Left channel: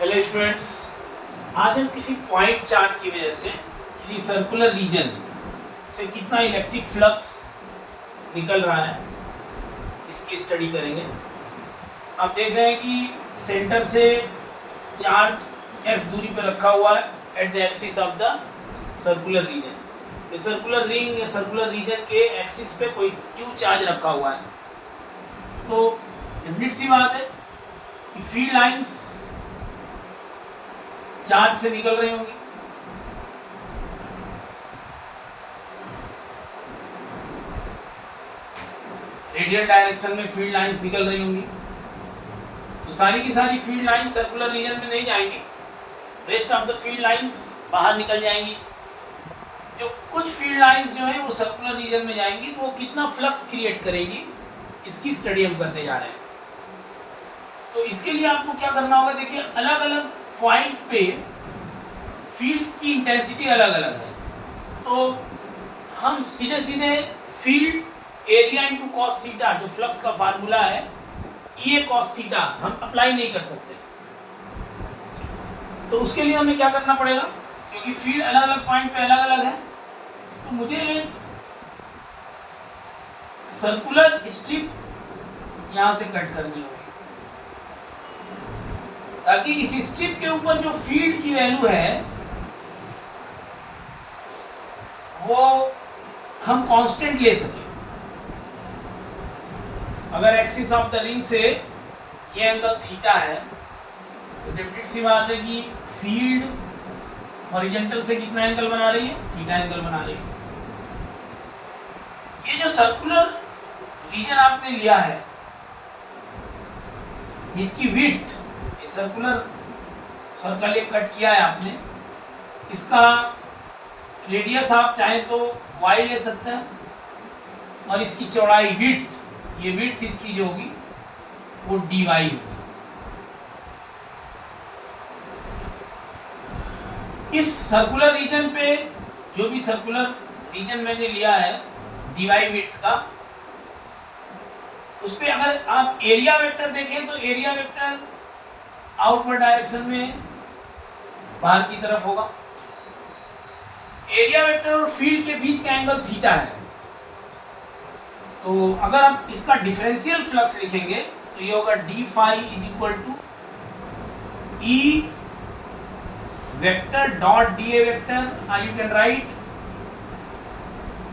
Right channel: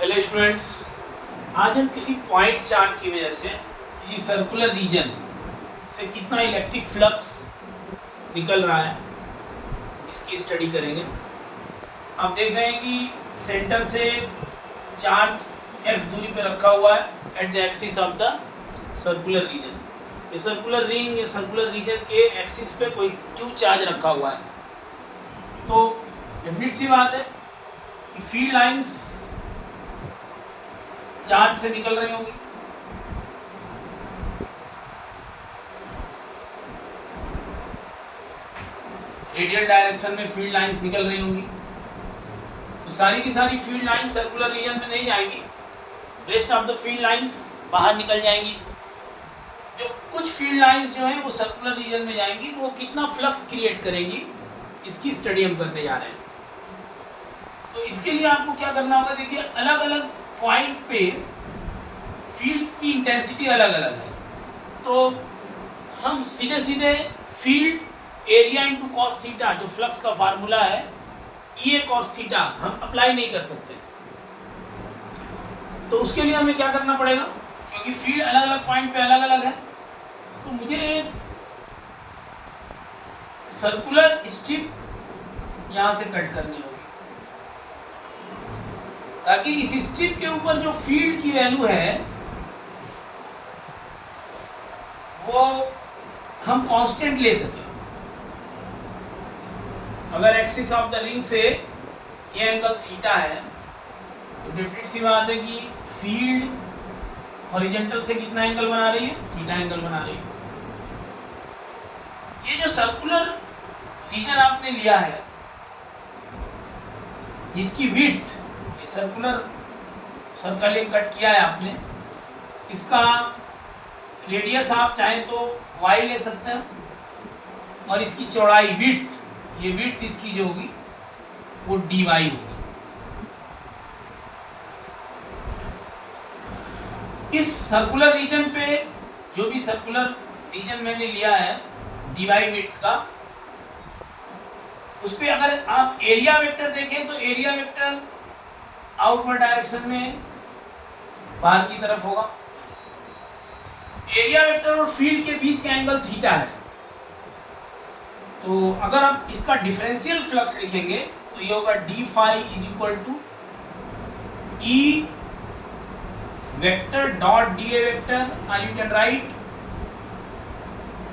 Hello students, आज हम किसी पॉइंट चार्ज की वजह से किसी सर्कुलर रीजन से कितना इलेक्ट्रिक फ्लक्स निकल रहा है इसकी स्टडी करेंगे। आप देख रहे हैं कि सेंटर से चार्ज x दूरी पर रखा हुआ है at the axis of the circular region. ये सर्कुलर रिंग या सर्कुलर रीजन के एक्सिस पे कोई q चार्ज रखा हुआ है। तो डेफिनेट सी बात है कि फील्ड लाइंस चार्ज से निकल रही होंगी। रेडियल डायरेक्शन में फील्ड लाइंस निकल रही होंगी। तो सारी की सारी फील्ड लाइंस सर्कुलर रीजन में नहीं जाएंगी, rest of the field lines बाहर निकल जाएंगी। जो कुछ फील्ड लाइंस जो हैं वो सर्कुलर रीजन में जाएंगी, तो वो कितना फ्लक्स क्रिएट करेंगी इसकी स्टडी हम करने जा रहे हैं। तो इसके लिए आपको क्या करना होगा, देखिए अलग अलग पॉइंट पे फील्ड की इंटेंसिटी अलग अलग है। तो हम सीधे सीधे field area into cos theta, जो फ्लक्स का फार्मूला है E कॉस थीटा, हम अप्लाई नहीं कर सकते। तो उसके लिए हमें क्या करना पड़ेगा, क्योंकि फील्ड अलग अलग पॉइंट पे अलग अलग है, तो मुझे एक सर्कुलर स्ट्रिप यहाँ से कट करनी होगी, ताकि इस स्ट्रिप के ऊपर जो फील्ड की वैल्यू है वो हम कांस्टेंट ले सकें। अगर एक्सिस ऑफ द रिंग से ये एंगल थीटा है, तो डेफिनेट सी बात है कि फील्ड हॉरिजॉन्टल से कितना एंगल बना रही है, थीटा एंगल बना रही है। ये जो सर्कुलर रीजन आपने लिया है जिसकी विड्थ, सर्कुलर सर्कल ये कट किया है आपने, इसका रेडियस आप चाहे तो y ले सकते हैं, और इसकी चौड़ाई विड्थ, ये विड्थ इसकी जो होगी वो dy होगी। इस सर्कुलर रीजन पे जो भी सर्कुलर रीजन मैंने लिया है dy विड्थ का, उस पे अगर आप एरिया वेक्टर देखें तो एरिया वेक्टर आउटवर्ड डायरेक्शन में बाहर की तरफ होगा। एरिया वेक्टर और फील्ड के बीच का एंगल थीटा है। तो अगर आप इसका डिफरेंशियल फ्लक्स लिखेंगे तो ये होगा d phi is equal to E vector dot d A vector, और you can write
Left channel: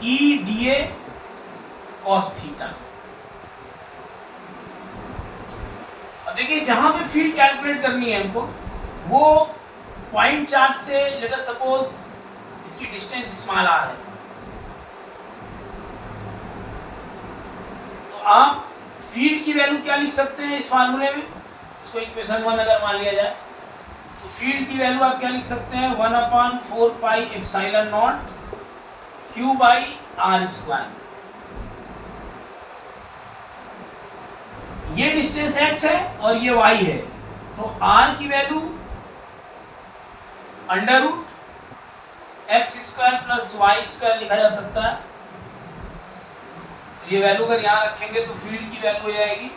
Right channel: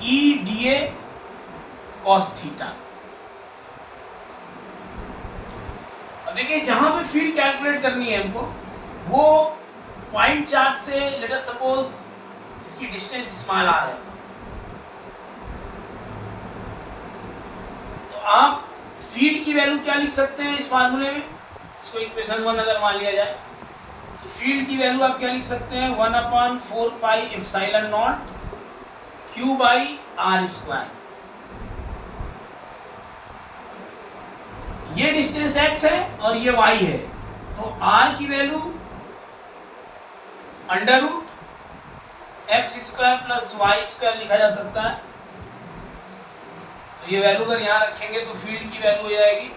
E d A cos theta. देखिए जहां पे फील्ड कैलकुलेट करनी है हमको, वो पॉइंट चार्ज से लेट अस सपोज इसकी डिस्टेंस स्मॉल आर है, तो आप फील्ड की वैल्यू क्या लिख सकते हैं इस फार्मूले में, इसको इक्वेशन 1 अगर मान लिया जाए, तो फील्ड की वैल्यू आप क्या लिख सकते हैं, 1/4 pi epsilon not Q by r square. ये डिस्टेंस x है और ये y है, तो r की value under root x square plus y square लिखा जा सकता है। तो ये वैल्यू अगर यहाँ रखेंगे तो फील्ड की वैल्यू हो जाएगी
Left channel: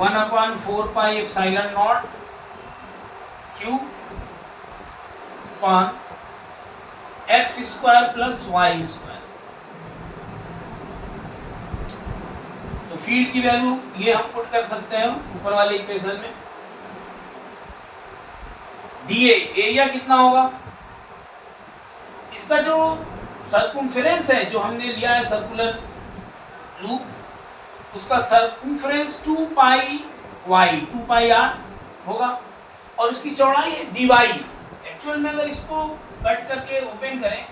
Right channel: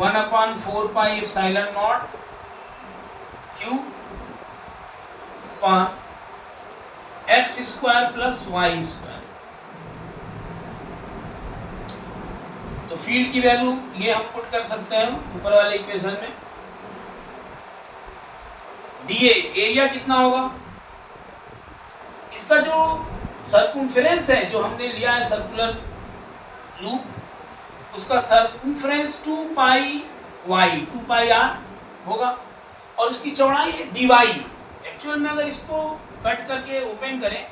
1/4 pi epsilon not Q upon x square plus y square. तो फील्ड की वैल्यू ये हम पुट कर सकते हैं ऊपर वाले इक्वेशन में। डीए एरिया कितना होगा, इसका जो सर्कमफेरेंस है जो हमने लिया है सर्कुलर लूप, उसका circumference 2 pi y 2 pi r होगा, और उसकी चौड़ाई है डी वाई। एक्चुअल में अगर इसको कट करके ओपन करें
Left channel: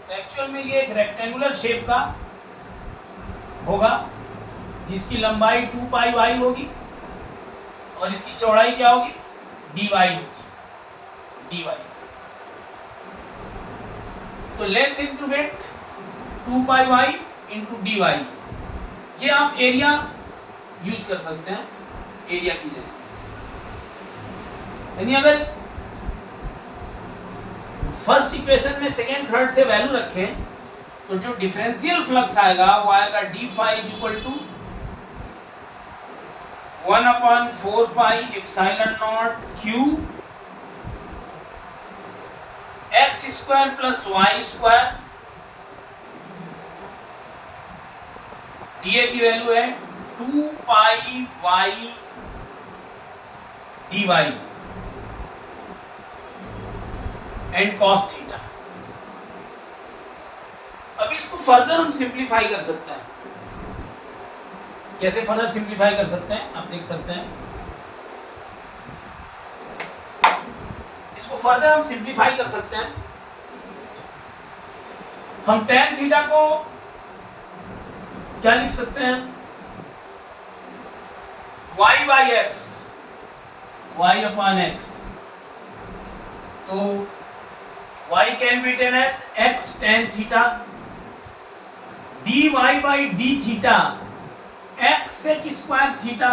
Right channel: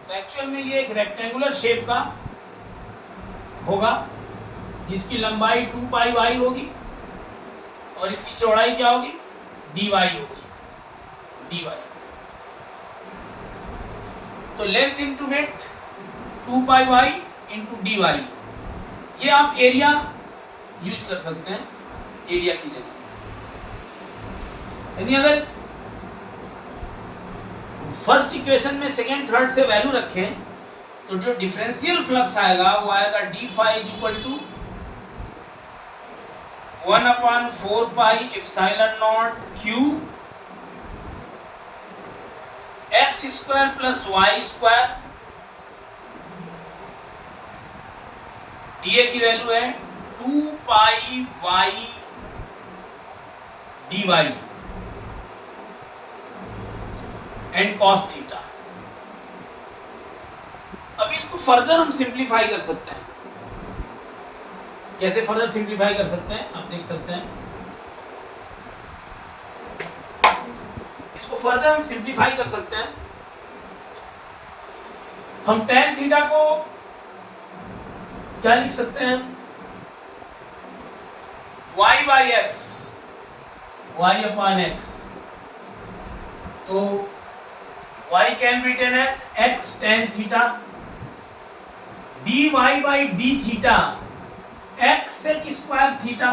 तो एक्चुअल में ये एक रेक्टेंगुलर शेप का होगा, जिसकी लंबाई 2 पाई वाई होगी और इसकी चौड़ाई क्या होगी, डी वाई होगी, डी वाई। तो length into width 2 pi Y into D Y, ये आप एरिया यूज कर सकते हैं एरिया की जगह। यानी अगर फर्स्ट इक्वेशन में सेकेंड थर्ड से वैल्यू रखें तो जो डिफरेंशियल फ्लक्स आएगा वो आएगा d phi is equal to 1/4 pi epsilon not Q x square plus y square, dA की वैल्यू है 2 pi y dy and cos theta. अब इसको फर्दर हम सिंप्लीफाई कर सकते हैं। कैसे फर्दर सिंप्लीफाई कर सकते हैं आप देख सकते हैं। इसको फर्दर हम सिंप्लीफाई कर सकते हैं। हम tan थीटा को क्या लिख सकते हैं, y by x, y upon x, तो y can be taken as x tan theta, dy by d theta x sec square theta,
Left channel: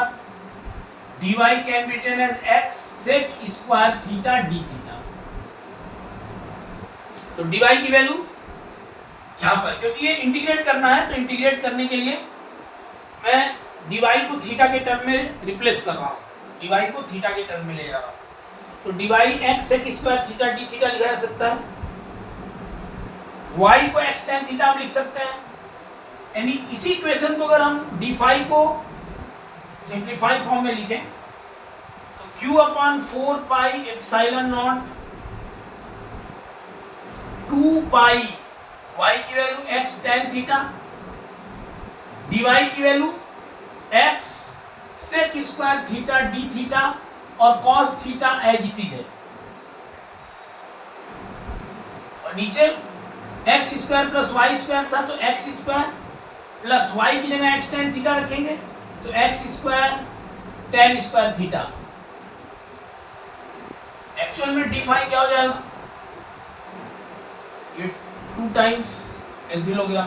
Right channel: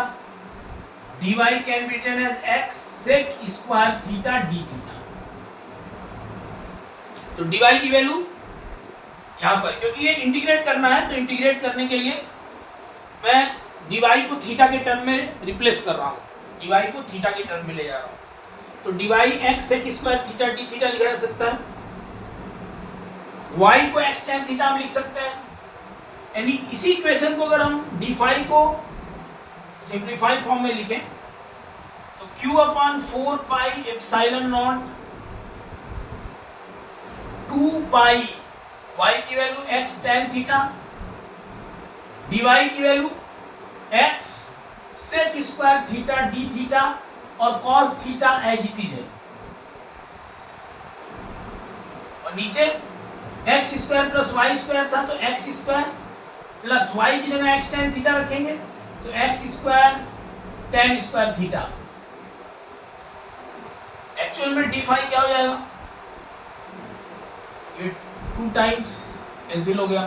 dy can be taken as x sec square theta d theta. तो dy की वैल्यू यहाँ पर, क्योंकि ये integrate करना है तो इंटीग्रेट करने के लिए मैं dy को थीटा के टर्म में रिप्लेस कर रहा हूँ, dy को थीटा के टर्म में ले जा रहा हूँ। तो dy x sec square theta d theta लिखा जा सकता है, y को x tan थीटा हम लिख सकते हैं। यानी इसी इक्वेशन को अगर हम d5 को सिंप्लीफाइड फॉर्म में लिखें तो Q/4 pi epsilon not 2 pi y की value x tan theta, dy की value x sec square theta d theta और cos theta as it is है। और नीचे x square plus y square था तो x स्क्वायर प्लस y की जगह x tan थीटा रखेंगे तो x square tan square theta. Actual में d5 क्या हो जाएगा, ये 2 टाइम्स कैंसिल हो गया।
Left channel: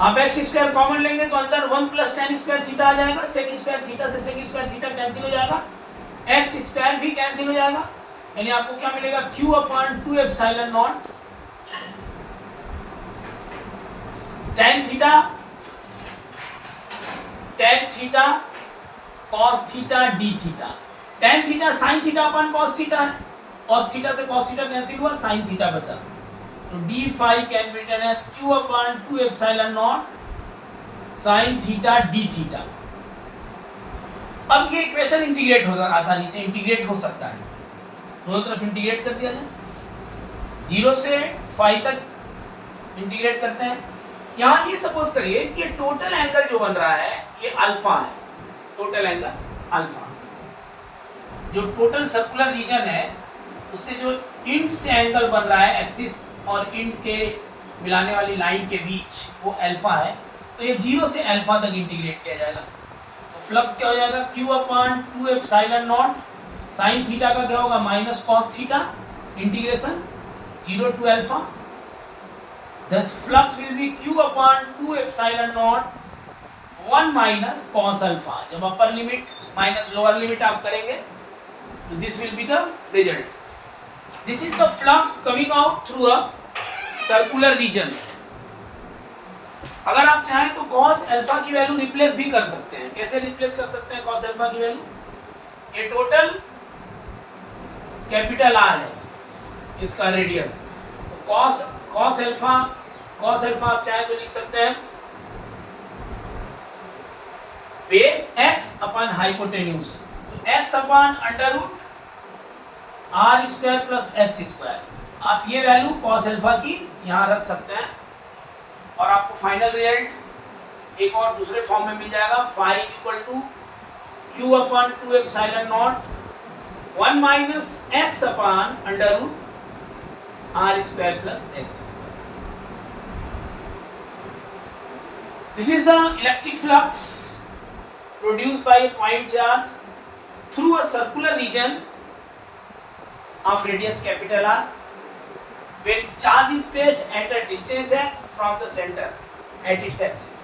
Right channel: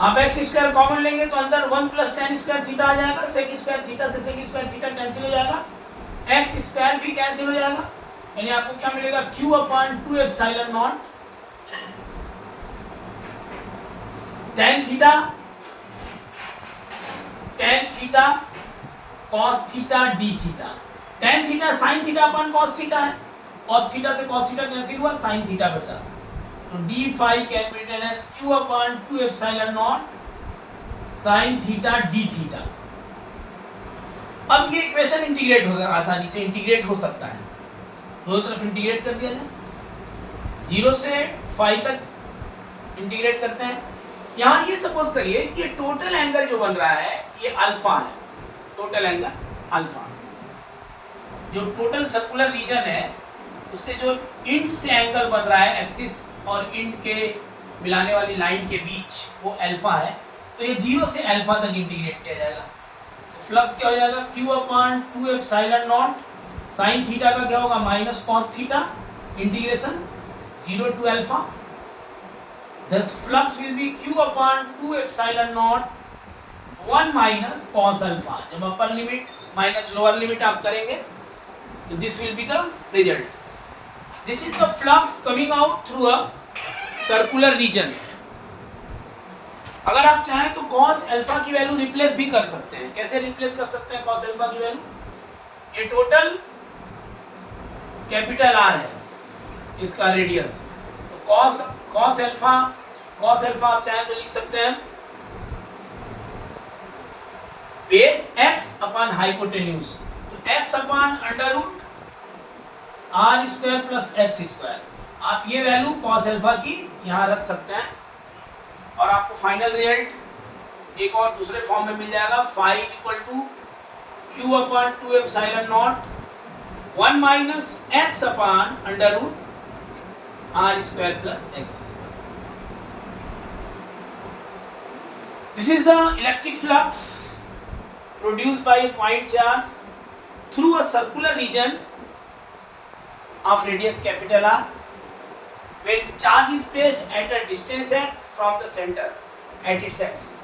आप x स्क्वायर कॉमन लेंगे तो अंदर 1 प्लस tan स्क्वायर थीटा आ जाएगा, sec स्क्वायर थीटा से sec स्क्वायर थीटा कैंसिल हो जाएगा, x स्क्वायर भी कैंसिल हो जाएगा। यानी आपको क्या मिलेगा, Q/2 epsilon not tan theta cos theta d theta. tan theta sin theta upon cos theta है, cos थीटा से cos थीटा कैंसिल हुआ, sin थीटा बचा। तो d5 can be written as Q/2 epsilon not sin theta d theta. अब ये equation integrate होगा, आसानी से इंटीग्रेट हो सकता है, दोनों तरफ इंटीग्रेट कर दिया जाए, 0 से 5 तक इंटीग्रेट करते हैं। यहाँ ये सपोज करिए कि टोटल एंगल जो बन रहा है ये अल्फा है, टोटल एंगल अल्फा, जो टोटल सर्कुलर रीजन है उससे जो इंट से एंगल बन रहा है एक्सिस और इंट के मिलाने वाली लाइन के बीच वो अल्फा है। तो ये 0 से अल्फा तक इंटीग्रेट किया जाएगा। तो फ्लक्स क्या हो जाएगा, Q/2 epsilon not sin theta का क्या होगा, minus cos theta integration 0 to alpha. Thus flux will be Q/2 epsilon naught 1 minus cos alpha। जब upper limit minus lower limit आप करेंगे तो this will be the result. This is the flux coming out through a circular region। अगर आप चाहें तो cos alpha की value replace भी कर सकते हैं। कैसे रिप्लेस कर सकते हैं cos alpha की वैल्यू, ये टोटल कैपिटल R है इसका रेडियस, तो cos अल्फा आप चाहे तो लिख सकते हैं बेस x अपन हाइपोटेन्यूज, तो x upon under root r square plus x square. आप ये वैल्यू cos अल्फा की यहाँ रख सकते हैं और आपको फाइनल रिजल्ट एक और दूसरे फॉर्म में मिल जाएगा, phi equal to Q/2 epsilon not 1 minus x upon under root r square plus x square। This is the electric flux produced by a point charge through a circular region of radius capital R when charge is placed at a distance x from the center at its axis।